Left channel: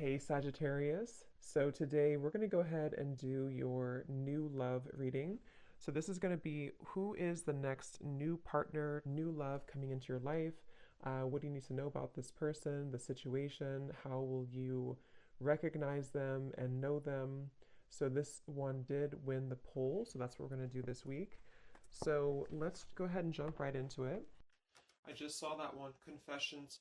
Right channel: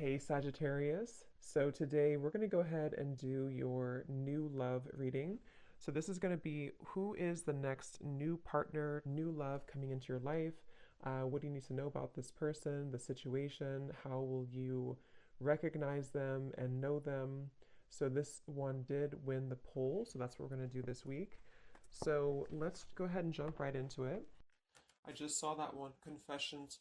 Hey Sagittarius. So today we're going to go ahead and do your new love reading. So this is going to be who is the next new partner, new love coming into your life? What do you need to know about this person, the situation? How will you recognize them and know them? So this one did win the poll, so that's what we're going to do this week. So let's go ahead and jump right into it. I just saw that one, confessions.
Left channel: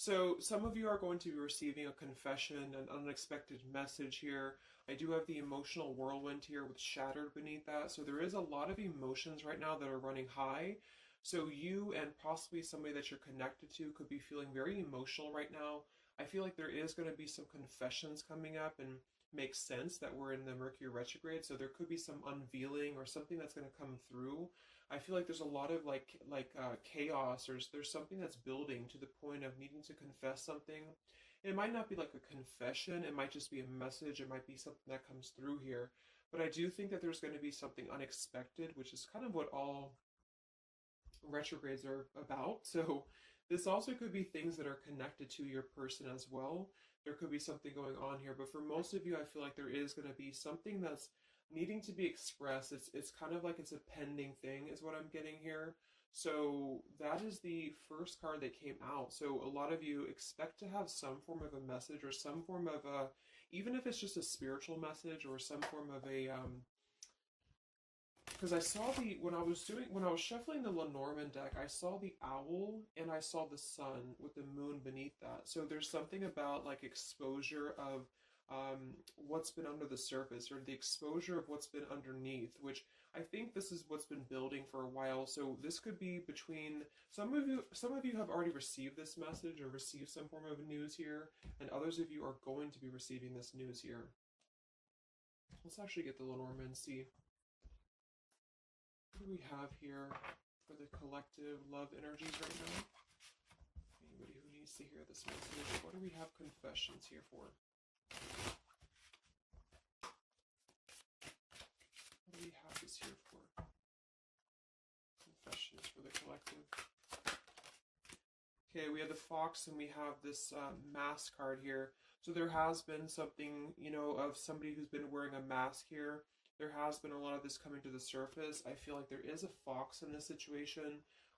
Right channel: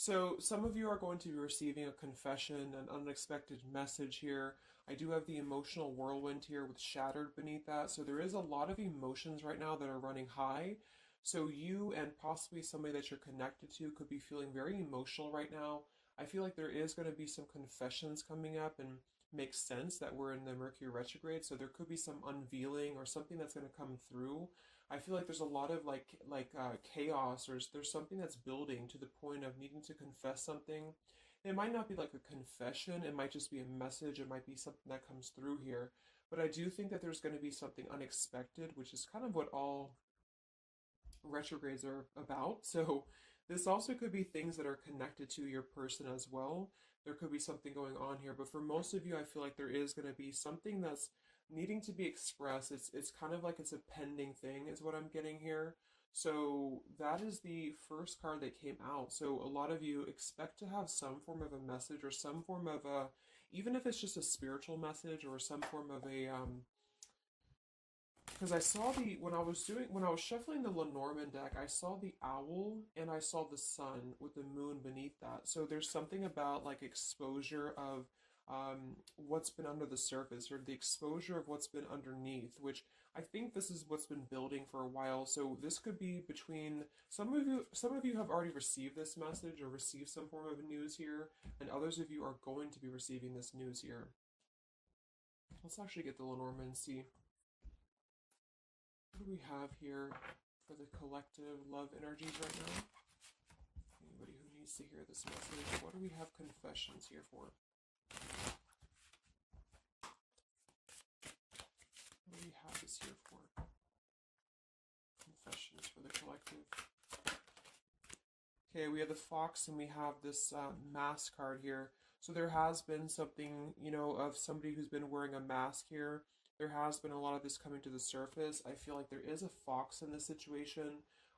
So some of you are going to be receiving a confession, an unexpected message here. I do have the emotional whirlwind here with shattered beneath that. So there is a lot of emotions right now that are running high. So you and possibly somebody that you're connected to could be feeling very emotional right now. I feel like there is going to be some confessions coming up and makes sense that we're in the Mercury retrograde. So there could be some unveiling or something that's going to come through. I feel like there's a lot of chaos. There's something that's building to the point of needing to confess something. It might not be like a confession. It might just be a message. It might be something that comes through here. But I do think that there's going to be something unexpected, which is kind of what all retrogrades are about. So this also could be things that are connected to your person as well. There could be something going on here, but for most of you, I feel like there is going to be something that's needing to be expressed. It's kind of like it's a pending thing is what I'm getting here. So that is the first card that came out. So a lot of you expect to have some form of a message or some form of a, even if it's just a spiritual message or some form of a because I saw when I was shuffling the Lenormand deck, I saw the owl and I saw the sun with the moon beneath that. So there's something about like exposure of what's been under the surface or the exposure of what's been underneath, which I think this is what's been building for a while. So this could be between some of you. Some of you have already received this message or received some form of news here, and others of you are going to be receiving this news here. Let's actually get the Lenormand and see what do we have here for the collective love energies right now. Anybody who needs to hear this message, what do we have confessions here for? What do we have this here for? Confessions for the collective. Okay, we have the fox and we have this mask card here. So there has been something, of somebody who's been wearing a mask here. There has been a lot of this coming to the surface. I feel like there is a fox in this situation.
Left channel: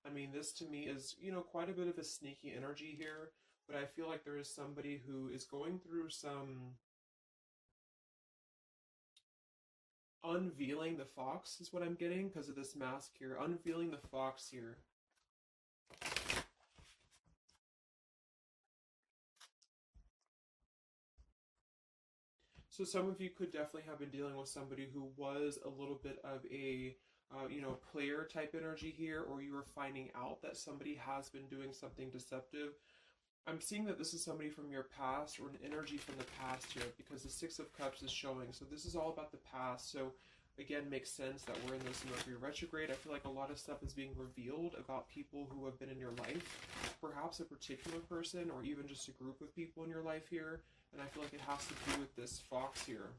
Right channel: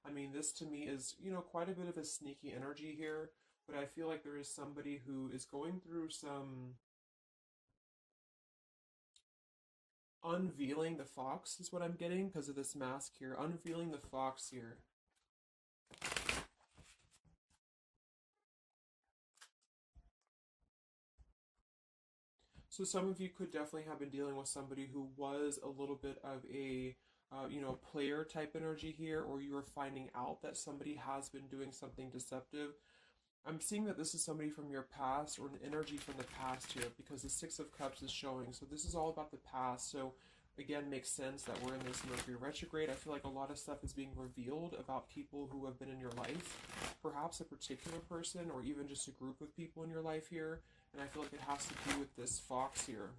I mean, this to me is, quite a bit of a sneaky energy here. But I feel like there is somebody who is going through some unveiling the fox is what I'm getting because of this mask here. Unveiling the fox here. So some of you could definitely have been dealing with somebody who was a little bit of a, player type energy here, or you were finding out that somebody has been doing something deceptive. I'm seeing that this is somebody from your past or an energy from the past here because the Six of Cups is showing. So this is all about the past. So again, makes sense that we're in this Mercury retrograde. I feel like a lot of stuff is being revealed about people who have been in your life, perhaps a particular person or even just a group of people in your life here. And I feel like it has to do with this fox here.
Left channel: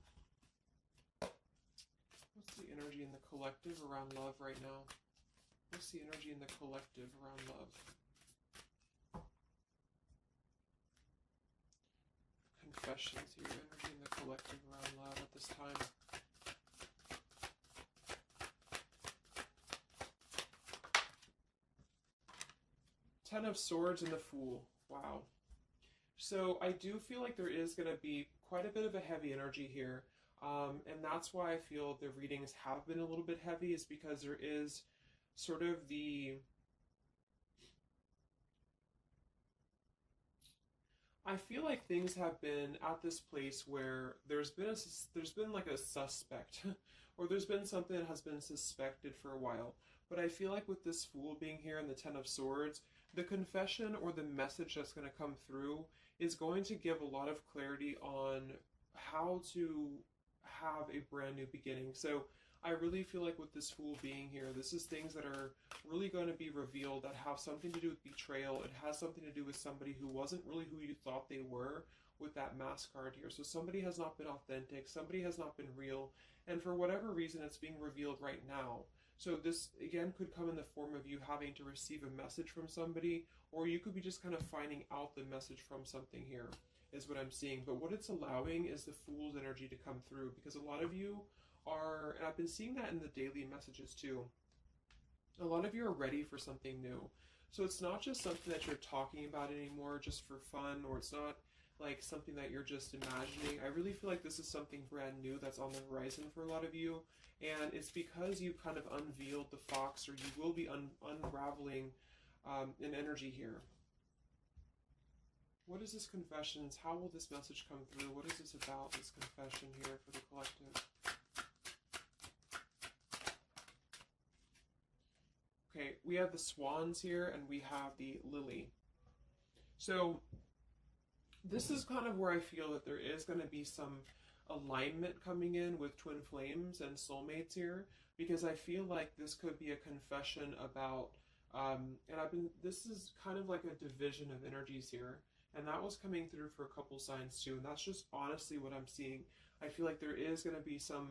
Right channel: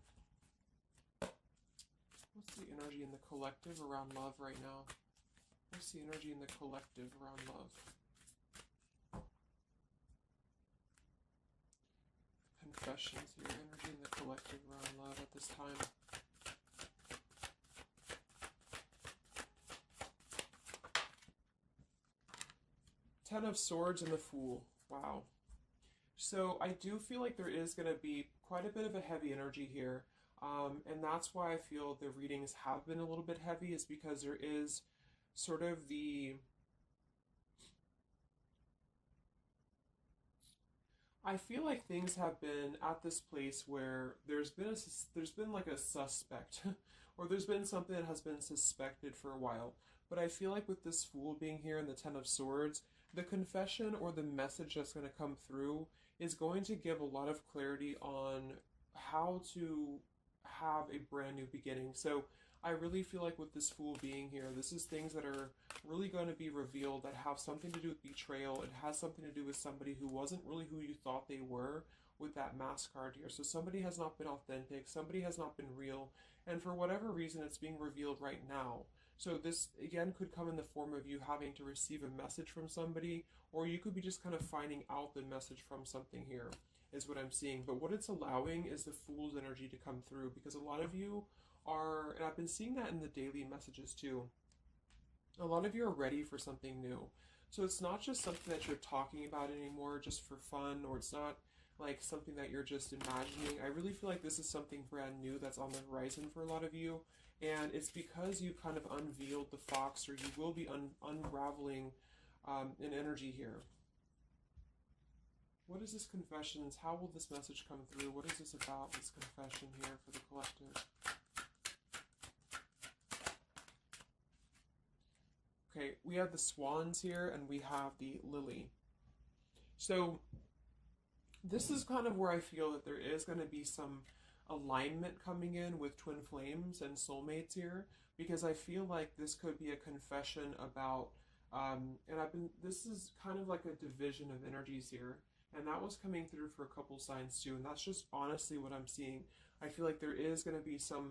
What's the energy in the collective around love right now? What's the energy in the collective around love? Confessions here, energy in the collective around love at this time. Ten of Swords and the Fool. Wow. So I do feel like there is going to be quite a bit of a heavy energy here. And that's why I feel the readings have been a little bit heavy, is because there is sort of the... I feel like things have been at this place where there's been like a suspect, or there's been something that has been suspected for a while. But I feel like with this Fool being here and the Ten of Swords, the confession or the message that's going to come through is going to give a lot of clarity on how to have a brand new beginning. So I really feel like with this Fool being here, this is things that are really going to be revealed that have something to do with betrayal. It has something to do with somebody who wasn't really who you thought they were with that mask card here. So somebody has not been authentic, somebody has not been real, and for whatever reason it's being revealed right now. So this again could come in the form of you having to receive a message from somebody, or you could be just kind of finding out the message from something here. is what I'm seeing. But what it's allowing is the Fool's energy to come through, because a lot of you are, and I've been seeing that in the daily messages too, a lot of you are ready for something new. So it's not just something that you're talking about anymore just for fun, or it's not like something that you're just imagining. I really feel like this is something brand new that's on the horizon for a lot of you. And it's because you kind of unveiled the fox, or you will be unraveling an energy here. What is this confessions? How will this message come through? What is this about, this confession here for the collective? Okay, we have the swans here, and we have the lily. So this is kind of where I feel that there is going to be some alignment coming in with twin flames and soulmates here, because I feel like this could be a confession about, this is kind of like a division of energies here, and that was coming through for a couple signs too, and that's just honestly what I'm seeing. I feel like there is going to be some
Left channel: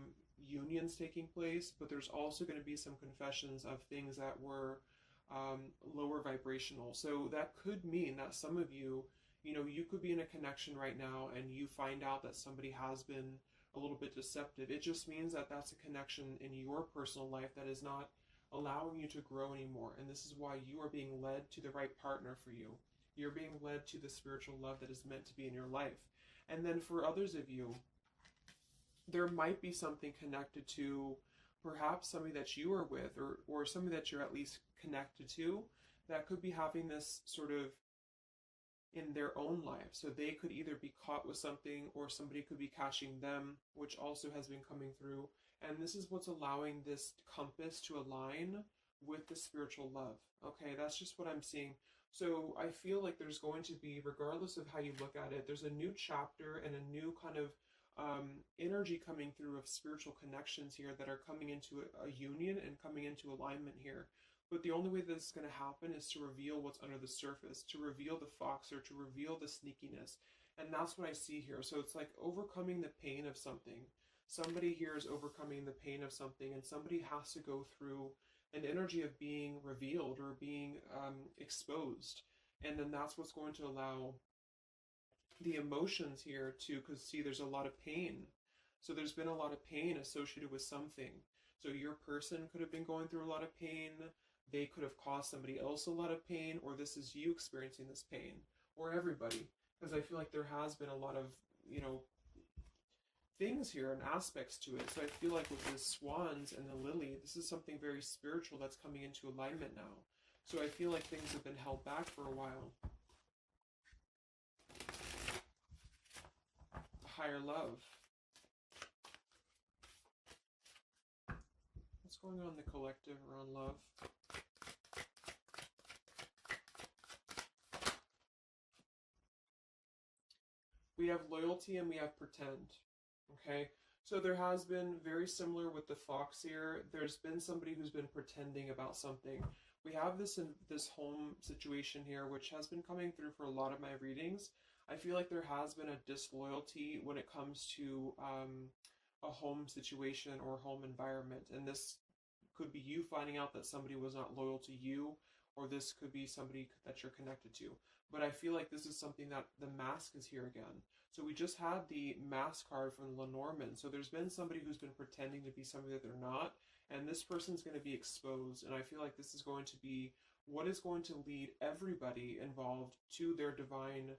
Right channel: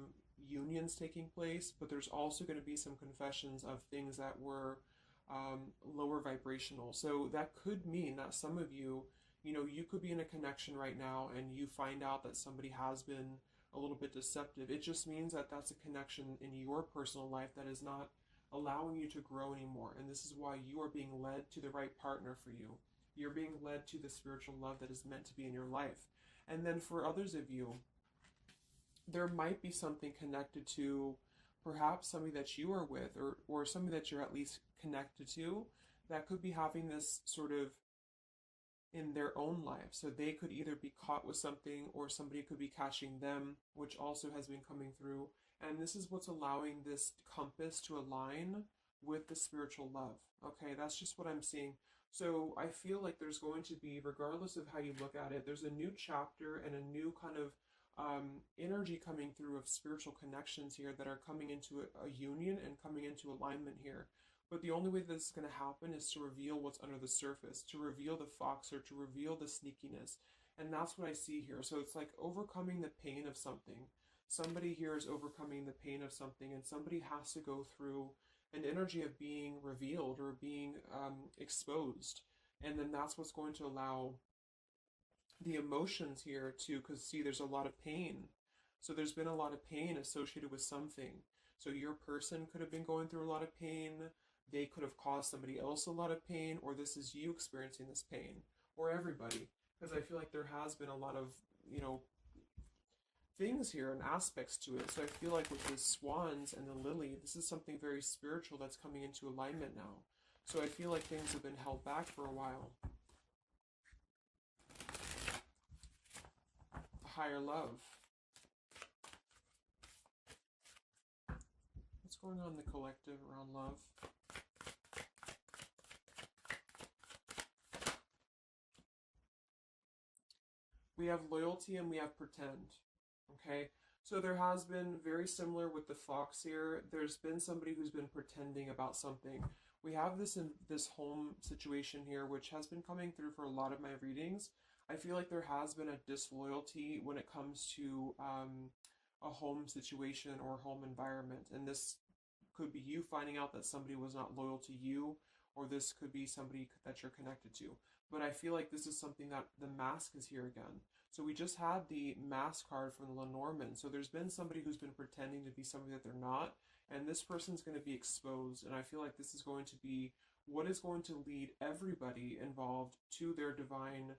unions taking place, but there's also going to be some confessions of things that were lower vibrational. So that could mean that some of you, you could be in a connection right now and you find out that somebody has been a little bit deceptive. It just means that that's a connection in your personal life that is not allowing you to grow anymore. And this is why you are being led to the right partner for you. You're being led to the spiritual love that is meant to be in your life. And then for others of you, there might be something connected to perhaps somebody that you are with, or somebody that you're at least connected to, that could be having this sort of in their own life. So they could either be caught with something, or somebody could be catching them, which also has been coming through. And this is what's allowing this compass to align with the spiritual love. Okay, that's just what I'm seeing. So I feel like there's going to be, regardless of how you look at it, there's a new chapter and a new kind of energy coming through of spiritual connections here that are coming into a union and coming into alignment here. But the only way this is going to happen is to reveal what's under the surface, to reveal the fox, or to reveal the sneakiness. And that's what I see here. So it's like overcoming the pain of something. Somebody here is overcoming the pain of something, and somebody has to go through an energy of being revealed or being exposed. And then that's what's going to allow the emotions here to, because see, there's a lot of pain. So there's been a lot of pain associated with something. So your person could have been going through a lot of pain. They could have caused somebody else a lot of pain, or this is you experiencing this pain, or everybody. Because I feel like there has been a lot of, things here and aspects to it. So I feel like with the swans and the lily, this is something very spiritual that's coming into alignment now. So I feel like things have been held back for a while. Higher love. What's going on in the collective around love? We have loyalty and we have pretend. Okay, so there has been, very similar with the fox here, there's been somebody who's been pretending about something. We have this in this home situation here, which has been coming through for a lot of my readings. I feel like there has been a disloyalty when it comes to a home situation or home environment. And this could be you finding out that somebody was not loyal to you, or this could be somebody that you're connected to. But I feel like this is something that the mask is here again. So we just had the mask card from the Lenormand. So there's been somebody who's been pretending to be somebody that they're not. And this person's going to be exposed. And I feel like this is going to be what is going to lead everybody involved to their divine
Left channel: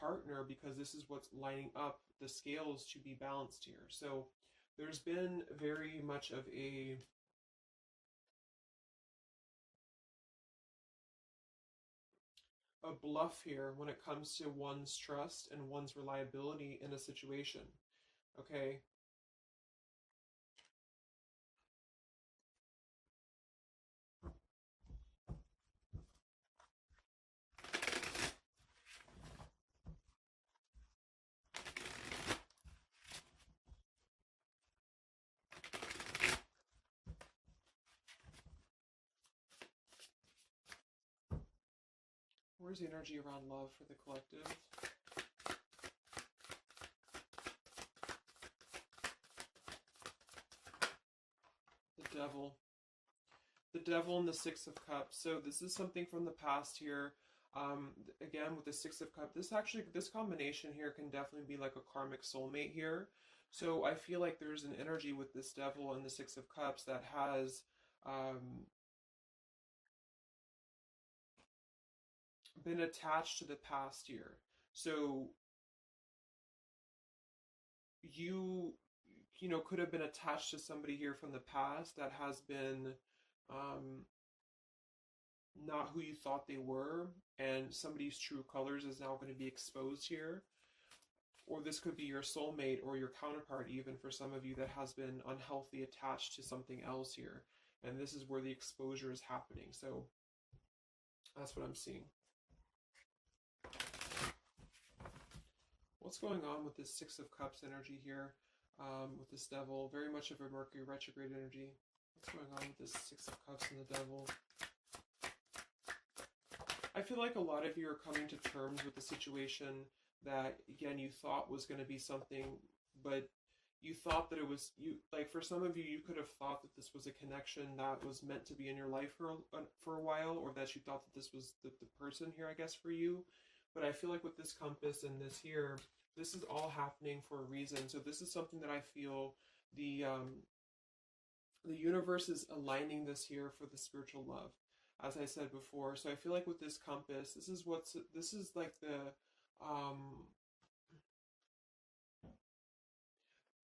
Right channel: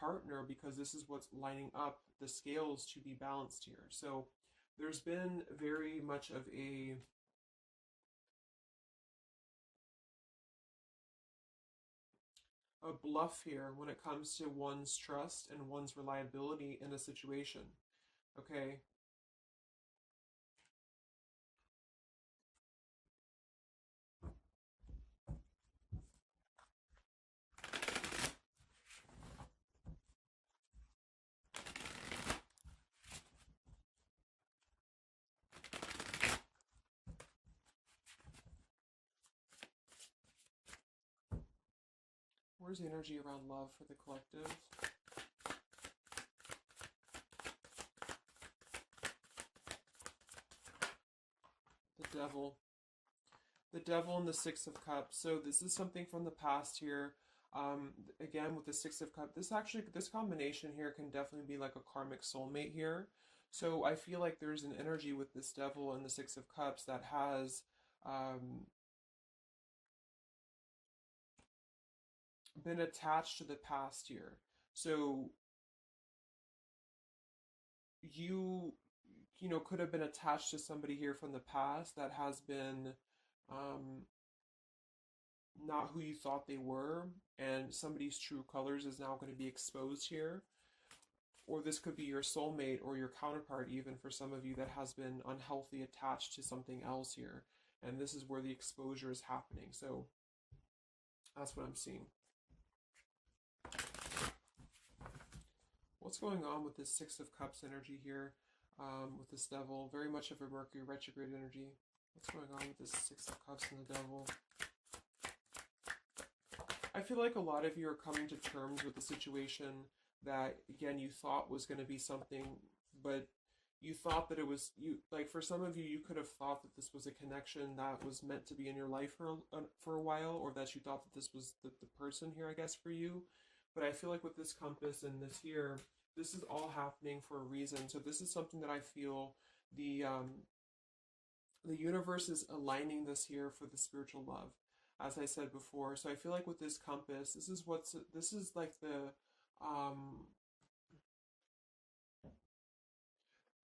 partner, because this is what's lining up the scales to be balanced here. So there's been very much of a bluff here when it comes to one's trust and one's reliability in a situation. Okay. Where's the energy around love for the collective? The devil. The devil and the Six of Cups. So this is something from the past here. Again, with the Six of Cups, this combination here can definitely be like a karmic soulmate here. So I feel like there's an energy with this Devil and the Six of Cups that has been attached to the past here. So you could have been attached to somebody here from the past that has been um, not who you thought they were, and somebody's true colors is now going to be exposed here. Or this could be your soulmate or your counterpart, even for some of you, that has been unhealthy attached to something else here. And this is where the exposure is happening. So that's what I'm seeing. What's going on with this Six of Cups energy here with this Devil? Very much of a Mercury retrograde energy. What's going on with this Six of Cups and the Devil? I feel like a lot of you are coming to terms with the situation that, again, you thought was going to be something, but you thought that it was, like for some of you, you could have thought that this was a connection that was meant to be in your life for a while, or that you thought that this was the person here, I guess, for you. But I feel like with this compass and this here, this is all happening for a reason. So this is something that I feel the universe is aligning this here for the spiritual love, as I said before. So I feel like with this compass, this is like the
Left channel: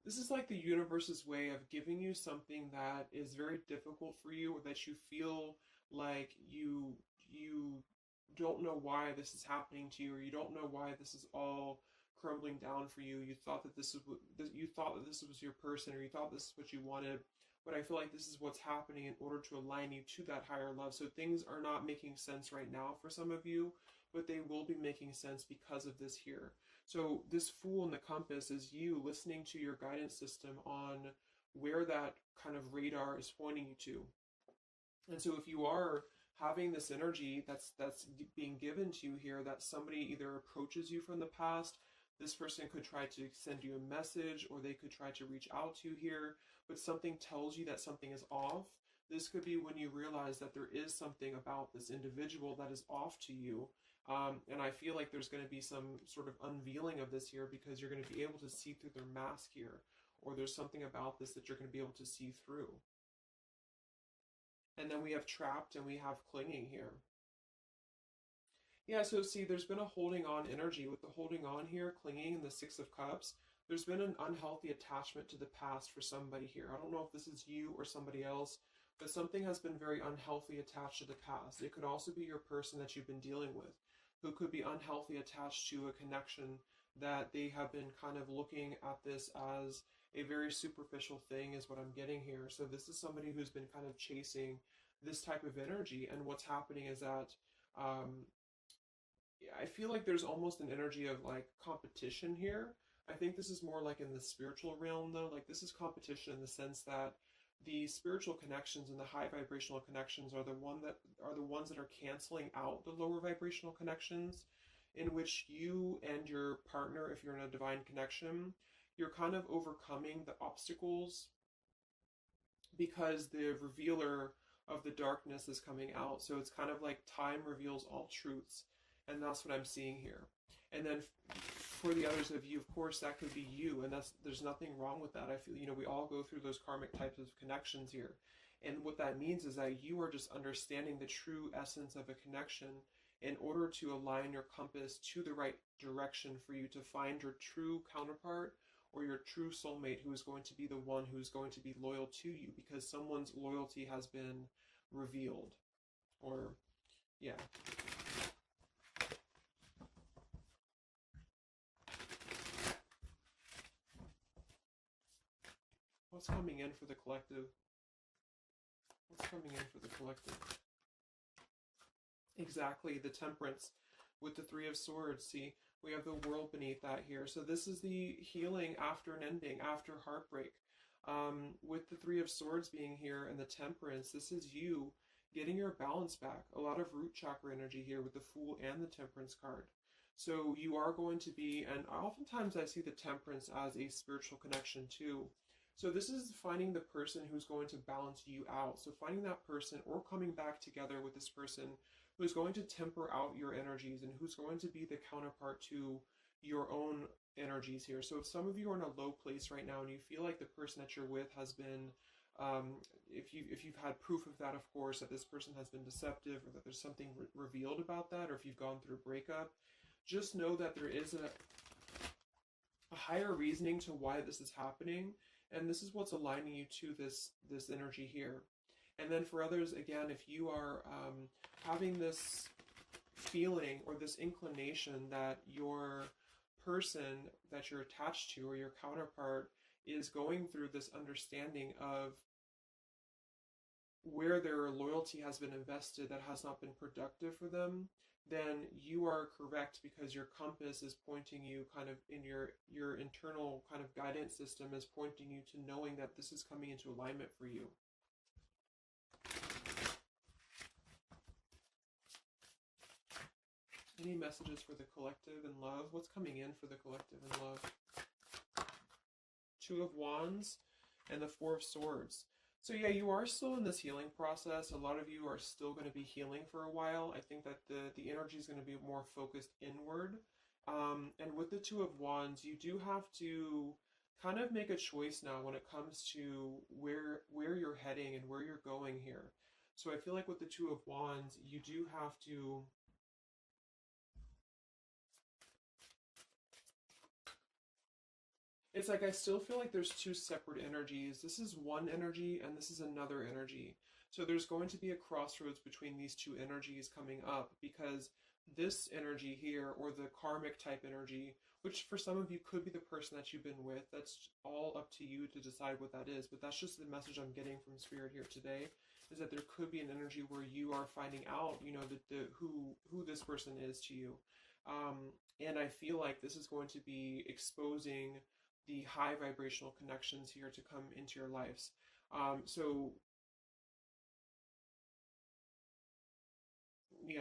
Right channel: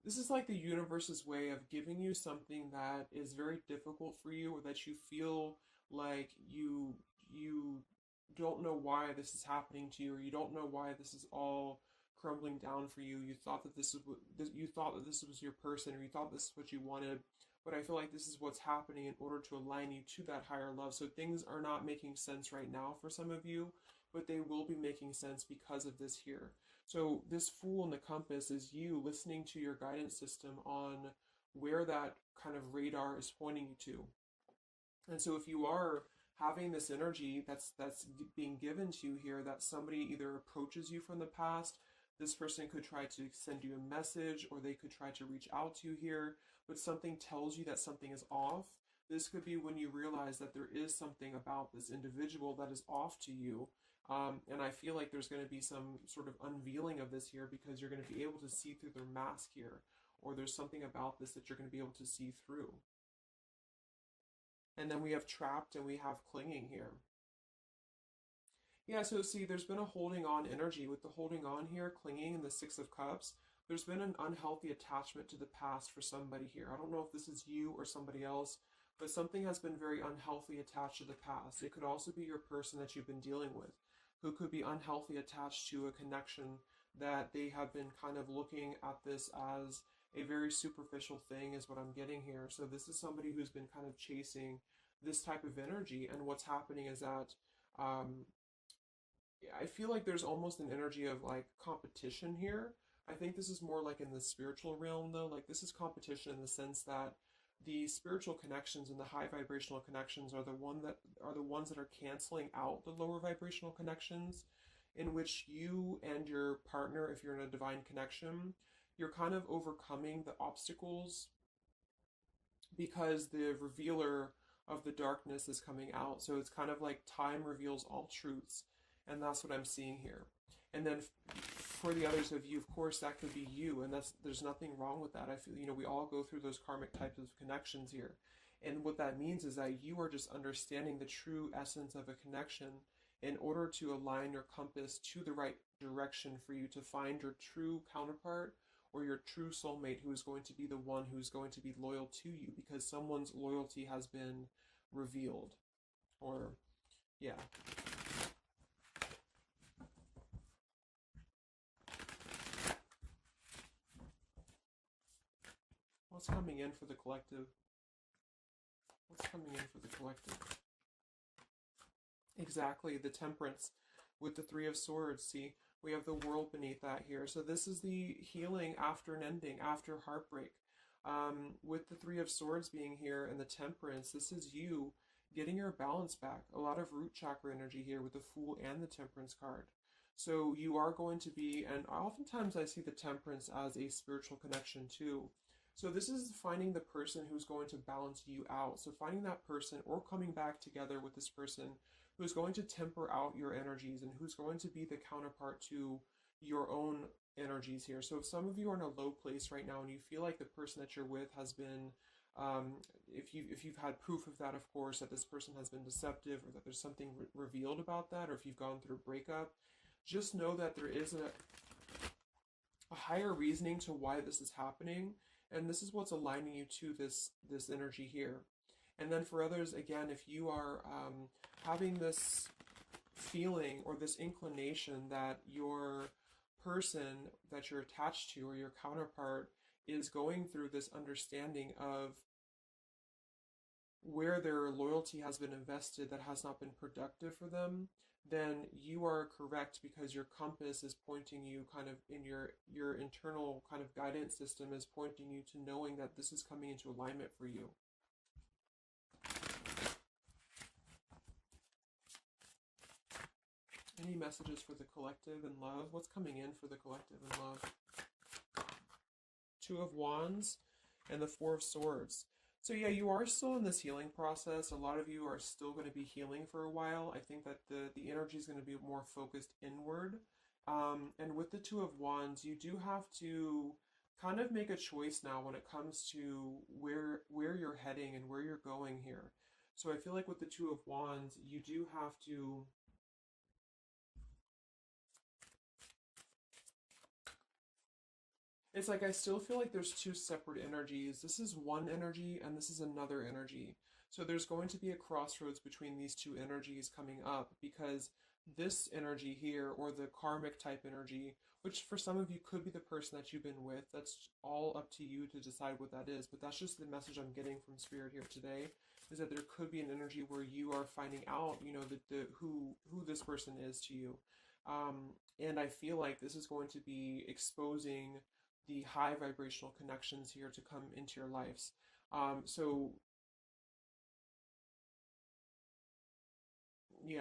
this is like the universe's way of giving you something that is very difficult for you, or that you feel like you don't know why this is happening to you, or you don't know why this is all crumbling down for you. You thought that this was your person, or you thought this is what you wanted. But I feel like this is what's happening in order to align you to that higher love. So things are not making sense right now for some of you, but they will be making sense because of this here. So this Fool in the compass is you listening to your guidance system on where that kind of radar is pointing you to. And so if you are having this energy that's being given to you here, that somebody either approaches you from the past, this person could try to send you a message, or they could try to reach out to you here, but something tells you that something is off. This could be when you realize that there is something about this individual that is off to you. And I feel like there's going to be some sort of unveiling of this here, because you're going to be able to see through their mask here, or there's something about this that you're going to be able to see through. And then we have trapped and we have clinging here. Yeah, so see, there's been a holding on energy with the holding on here, clinging, and the Six of Cups. There's been an unhealthy attachment to the past for somebody here. I don't know if this is you or somebody else, but something has been very unhealthy attached to the past. It could also be your person that you've been dealing with, who could be unhealthy attached to a connection that they have been kind of looking at this as a very superficial thing, is what I'm getting here. So this is somebody who's been kind of chasing this type of energy, and what's happening is that I feel like there's almost an energy of like competition here. I think this is more like in the spiritual realm though. Like this is competition in the sense that the spiritual connections and the high vibrational connections are the ones that are canceling out the lower vibrational connections, in which you and your partner, if you're in a divine connection, you're kind of overcoming the obstacles because the revealer of the darkness is coming out. So it's kind of like time reveals all truths. And that's what I'm seeing here. And then for the others of you, of course, that could be you. And there's nothing wrong with that. I feel, we all go through those karmic types of connections here. And what that means is that you are just understanding the true essence of a connection in order to align your compass to the right direction for you to find your true counterpart, or your true soulmate, who is going to be the one who's going to be loyal to you, because someone's loyalty has been revealed. Or, yeah. What's coming in for the collective? What's coming in for the collective? Exactly, the Temperance with the Three of Swords. See, we have the World beneath that here. So this is the healing after an ending, after heartbreak. With the Three of Swords being here and the Temperance, this is you getting your balance back. A lot of root chakra energy here with the Fool and the Temperance card. So you are going to be, and oftentimes I see the Temperance as a spiritual connection too. So this is finding the person who's going to balance you out. So finding that person, or coming back together with this person who's going to temper out your energies and who's going to be the counterpart to your own energies here. So if some of you are in a low place right now and you feel like the person that you're with has been, if you've had proof of that, of course, that this person has been deceptive or that there's something revealed about that, or if you've gone through a breakup, just know that there is a higher reasoning to why this is happening, and this is what's aligning you to this energy here. And then for others, again, if you are having this feeling or this inclination that your person that you're attached to or your counterpart is going through this understanding of where their loyalty has been invested that has not been productive for them, then you are correct, because your compass is pointing you kind of in your internal kind of guidance system is pointing you to knowing that this is coming into alignment for you. Any messages for the collective in love? What's coming in for the collective in love? Two of Wands and the Four of Swords. So yeah, you are still in this healing process. A lot of you are still going to be healing for a while. I think that the energy is going to be more focused inward. And with the Two of Wands, you do have to kind of make a choice now when it comes to where you're heading and where you're going here. So I feel like with the Two of Wands, you do have to it's like I still feel like there's two separate energies. This is one energy and this is another energy. So there's going to be a crossroads between these two energies coming up, because this energy here, or the karmic type energy, which for some of you could be the person that you've been with, that's all up to you to decide what that is. But that's just the message I'm getting from Spirit here today, is that there could be an energy where you are finding out, you know, who this person is to you. And I feel like this is going to be exposing the high vibrational connections here to come into your lives. So yeah.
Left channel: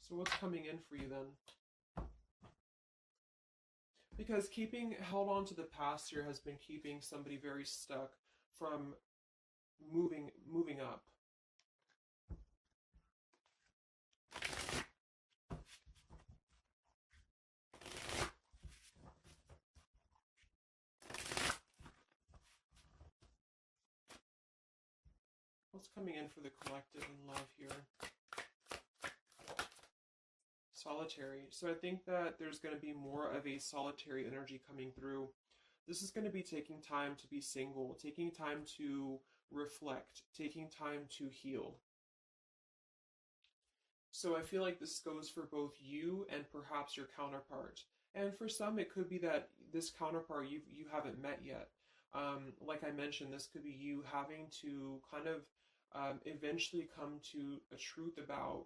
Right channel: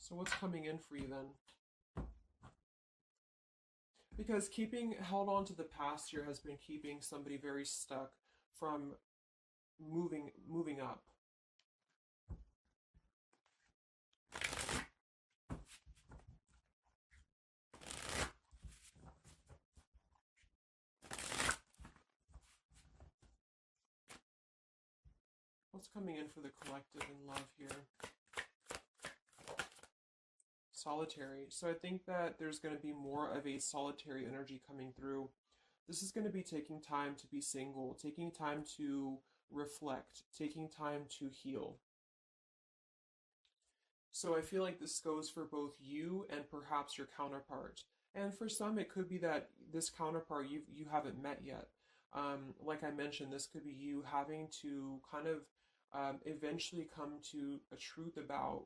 So what's coming in for you then? Because keeping held on to the past here has been keeping somebody very stuck from moving up. What's coming in for the collective in love here? Solitary. So I think that there's going to be more of a solitary energy coming through. This is going to be taking time to be single, taking time to reflect, taking time to heal. So I feel like this goes for both you and perhaps your counterpart. And for some, it could be that this counterpart you haven't met yet. Like I mentioned, this could be you having to kind of eventually come to a truth about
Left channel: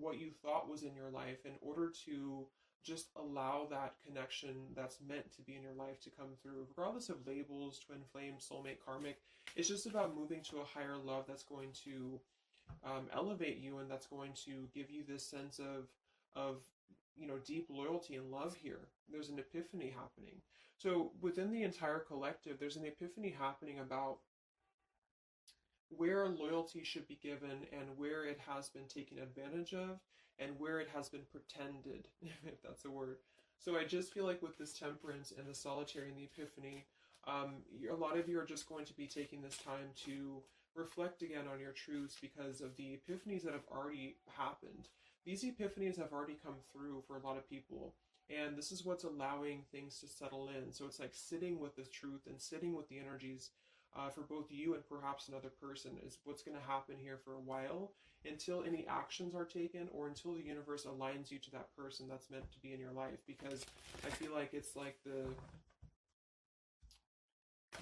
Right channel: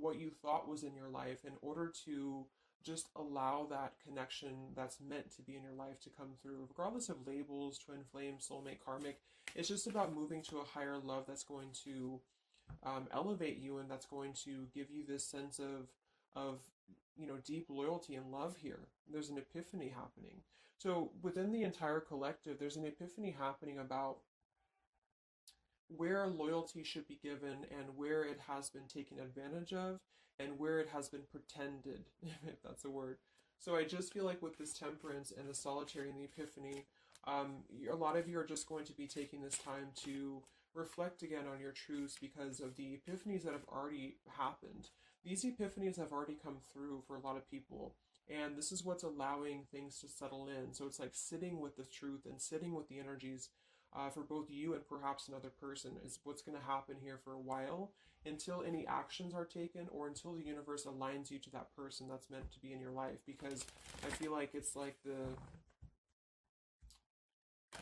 what you thought was in your life in order to just allow that connection that's meant to be in your life to come through, regardless of labels, twin flame, soulmate, karmic. It's just about moving to a higher love that's going to elevate you, and that's going to give you this sense of you know, deep loyalty and love here. There's an epiphany happening. So within the entire collective, there's an epiphany happening about where loyalty should be given and where it has been taken advantage of and where it has been pretended, if that's a word. So I just feel like with this temperance and the solitary and the epiphany, a lot of you are just going to be taking this time to reflect again on your truths because of the epiphanies that have already happened. These epiphanies have already come through for a lot of people. And this is what's allowing things to settle in. So it's like sitting with the truth and sitting with the energies for both you and perhaps another person is what's going to happen here for a while, until any actions are taken or until the universe aligns you to that person that's meant to be in your life. Because I feel like it's like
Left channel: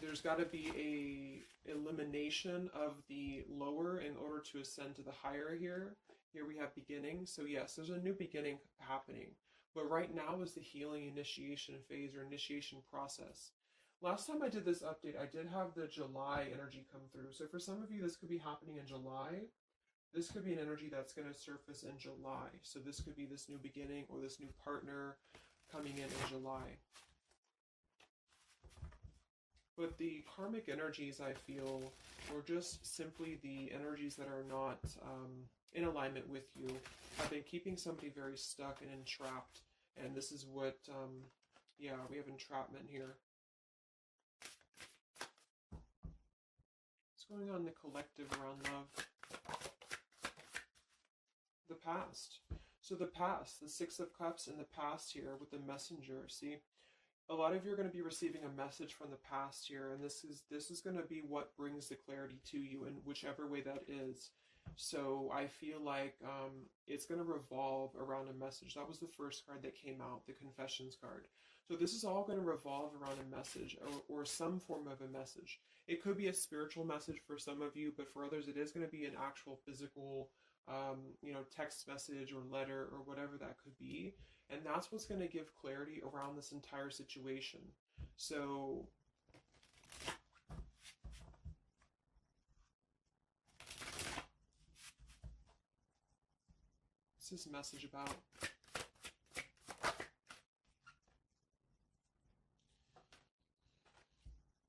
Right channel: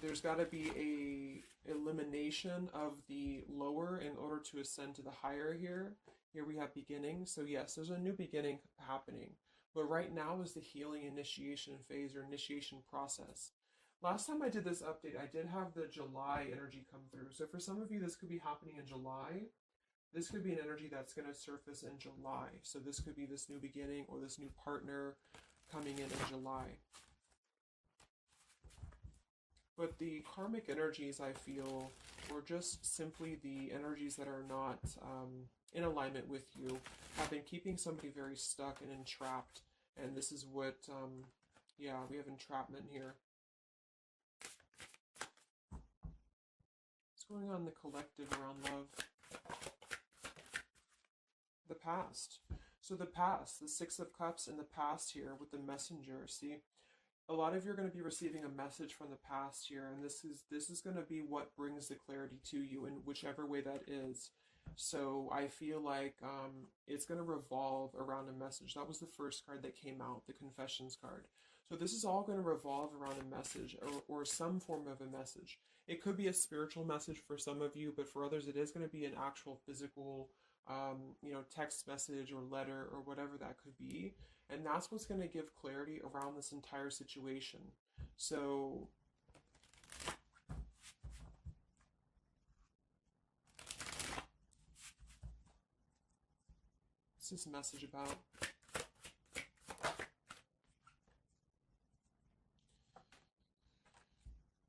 there's got to be a elimination of the lower in order to ascend to the higher here. Here we have beginning. So yes, there's a new beginning happening. But right now is the healing initiation phase or initiation process. Last time I did this update, I did have the July energy come through. So for some of you, this could be happening in July. This could be an energy that's going to surface in July. So this could be this new beginning or this new partner coming in July. But the karmic energies, I feel, were just simply the energies that are not in alignment with you, have been keeping somebody very stuck and entrapped. And this is what, yeah, we have entrapment here. What's going on in the collective around love? The past. So the past, the Six of Cups in the past here with the Messenger, see? A lot of you are going to be receiving a message from the past here, and this is going to be what brings the clarity to you in whichever way that is. So I feel like it's going to revolve around a message. That was the first card that came out, the Confessions card. So this is all going to revolve around a message or some form of a message. It could be a spiritual message for some of you, but for others it is going to be an actual physical text message or letter or whatever that could be. And that's what's going to give clarity around this entire situation. So what's this message about?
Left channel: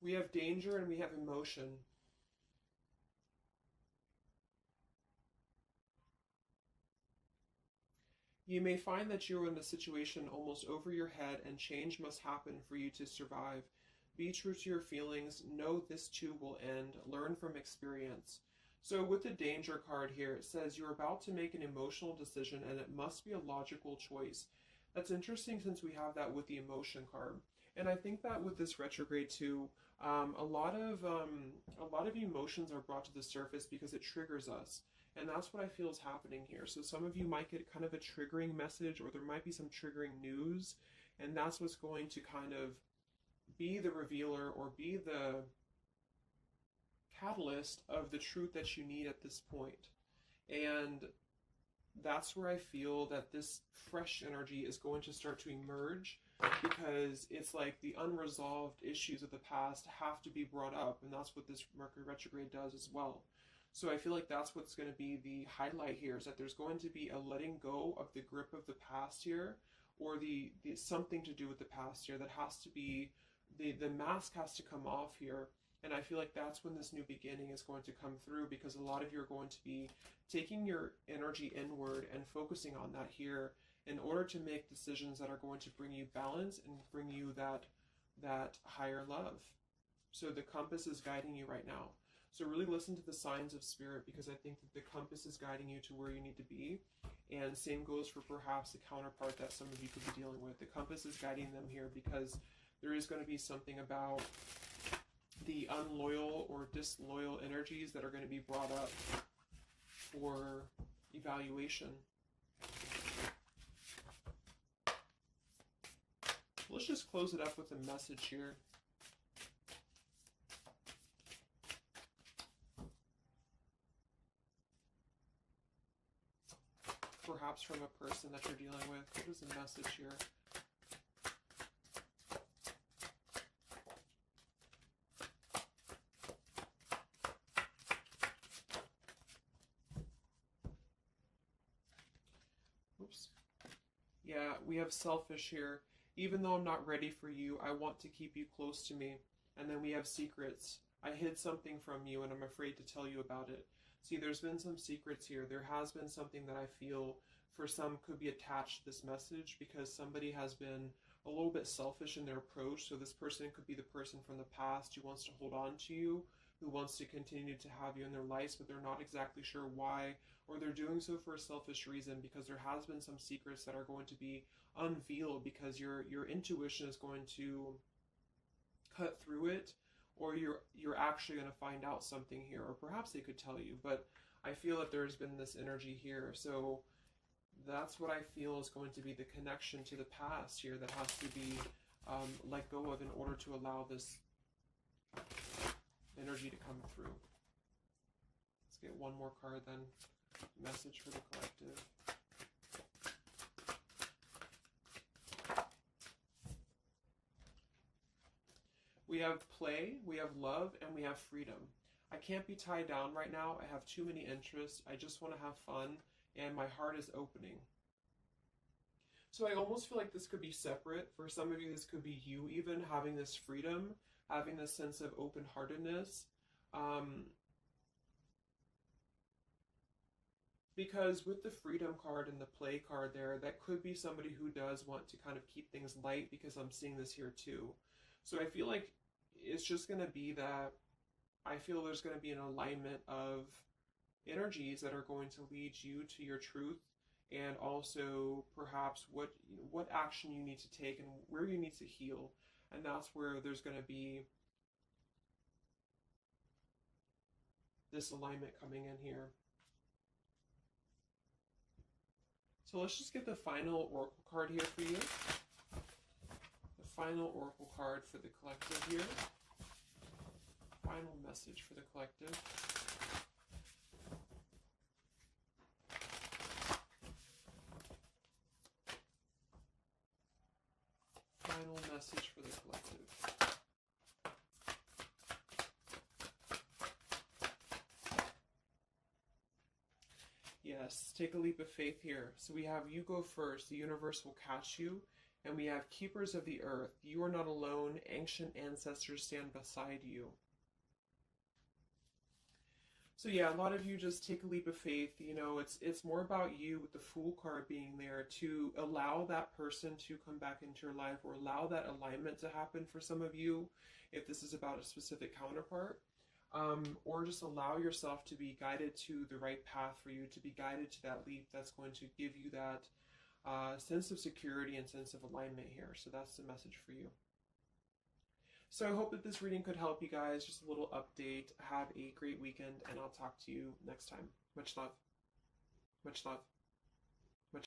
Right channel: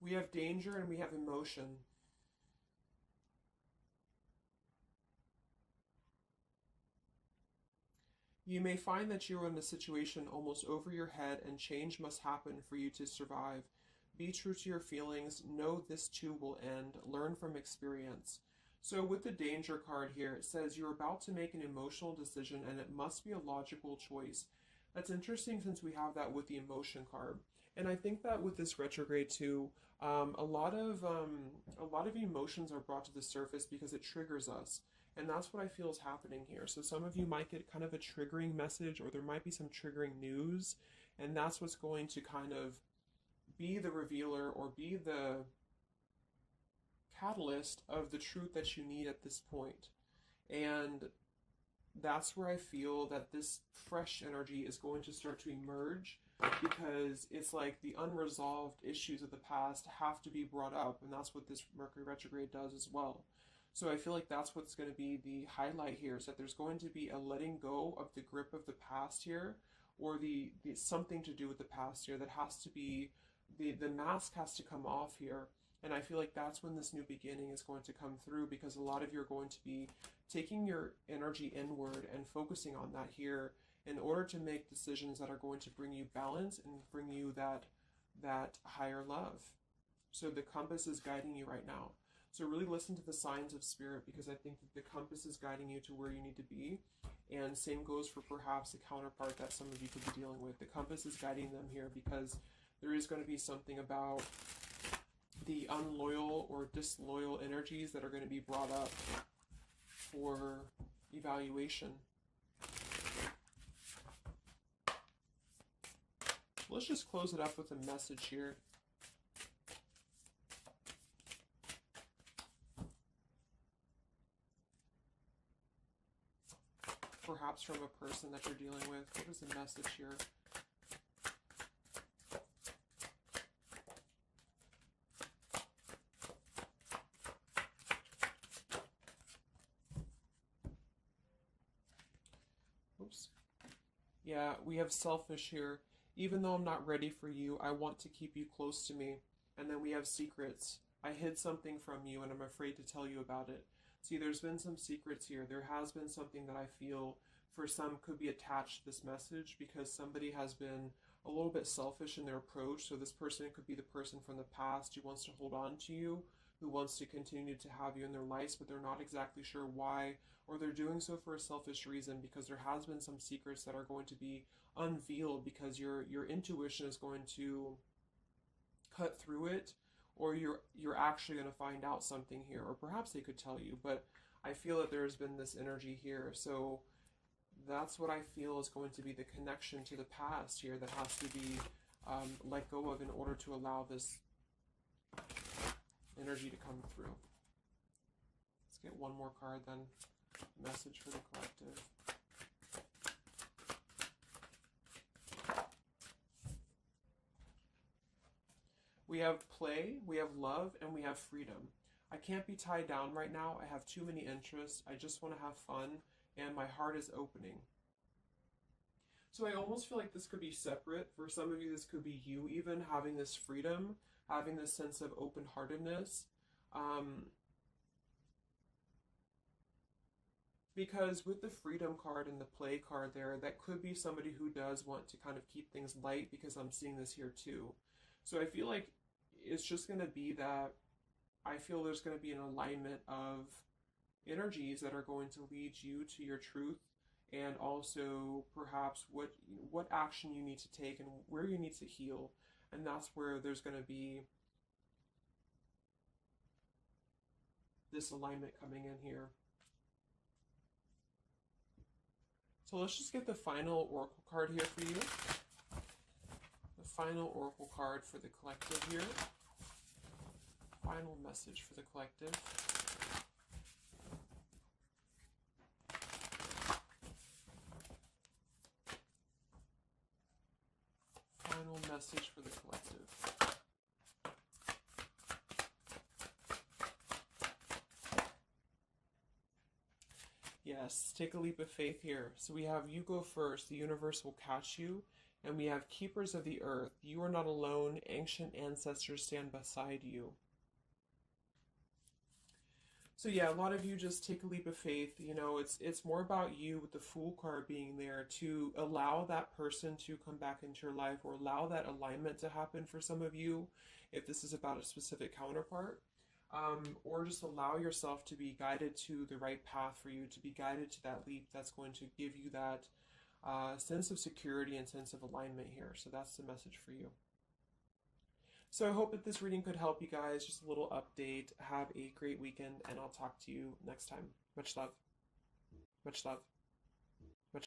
We have danger and we have emotion. You may find that you are in a situation almost over your head and change must happen for you to survive. Be true to your feelings. Know this too will end. Learn from experience. So with the danger card here, it says you're about to make an emotional decision and it must be a logical choice. That's interesting since we have that with the emotion card. And I think that with this retrograde too, a lot of emotions are brought to the surface because it triggers us. And that's what I feel is happening here. So some of you might get kind of a triggering message, or there might be some triggering news, and that's what's going to kind of be the revealer or be the catalyst of the truth that you need at this point. And that's where I feel that this fresh energy is going to start to emerge, because it's like the unresolved issues of the past have to be brought up, and that's what this Mercury retrograde does as well. So I feel like that's what's going to be the highlight here, is that there's going to be a letting go of the grip of the past here, or the something to do with the past here that has to be, the mask has to come off here. And I feel like that's when this new beginning is going to come through, because a lot of you are going to be taking your energy inward and focusing on that here in order to make decisions that are going to bring you balance and bring you that higher love. So the compass is guiding you right now. So really listen to the signs of spirit, because I think that the compass is guiding you to where you need to be. And same goes for perhaps a counterpart that some of you could be dealing with. The compass is guiding them here because there is going to be something about the unloyal or disloyal energies that are going to be brought up for evaluation. Let's just close it up with a message here. Perhaps from a person that you're dealing with. What is the message here? Oops. Yeah, we have selfish here. Even though I'm not ready for you, I want to keep you close to me. And then we have secrets. I hid something from you and I'm afraid to tell you about it. See, there's been some secrets here. There has been something that I feel for some could be attached to this message, because somebody has been a little bit selfish in their approach. So this person could be the person from the past who wants to hold on to you, who wants to continue to have you in their lives, but they're not exactly sure why, or they're doing so for a selfish reason, because there has been some secrets that are going to be unveiled, because your intuition is going to cut through it, or you're actually going to find out something here, or perhaps they could tell you. But I feel that there's been this energy here. So that's what I feel is going to be the connection to the past here that has to be let go of in order to allow this energy to come through. Let's get one more card then. Message for the collective. We have play, we have love, and we have freedom. I can't be tied down right now. I have too many interests. I just want to have fun, and my heart is opening. So I almost feel like this could be separate. For some of you, this could be you even having this freedom, having this sense of open-heartedness. Because with the freedom card and the play card there, that could be somebody who does want to kind of keep things light, because I'm seeing this here too. So I feel like it's just going to be that I feel there's going to be an alignment of energies that are going to lead you to your truth, and also perhaps what action you need to take and where you need to heal. And that's where there's going to be this alignment coming in here. So let's just get the final oracle card here for you. The final oracle card for the collective here. Final message for the collective. Final message for the collective. Yes, take a leap of faith here. So we have you go first, the universe will catch you. And we have keepers of the earth. You are not alone. Ancient ancestors stand beside you. So yeah, a lot of you just take a leap of faith. You know, it's more about you with the Fool card being there to allow that person to come back into your life, or allow that alignment to happen for some of you, if this is about a specific counterpart. Or just allow yourself to be guided to the right path for you, to be guided to that leap that's going to give you that sense of security and sense of alignment here. So that's the message for you. So I hope that this reading could help you guys. Just a little update. Have a great weekend, and I'll talk to you next time. Much love. Much love.